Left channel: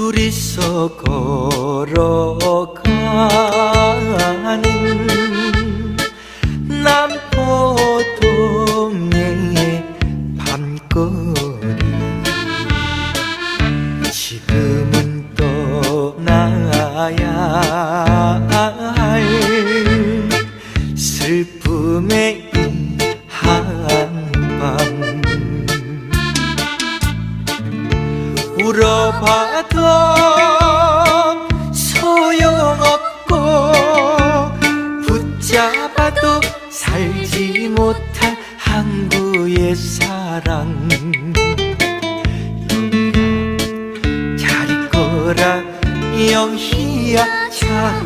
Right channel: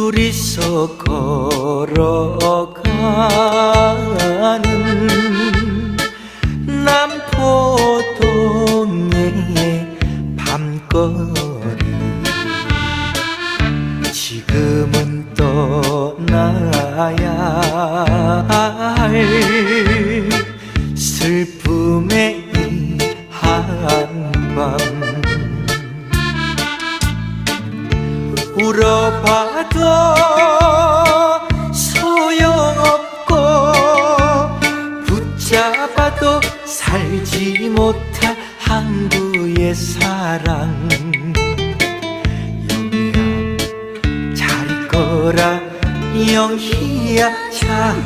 둘이서 걸어가는 남포동의 밤거리. 지금은 떠나야 할 슬픔의 한밤 울어봐. 사랑. 영희야 잘 거라. 영희야 잘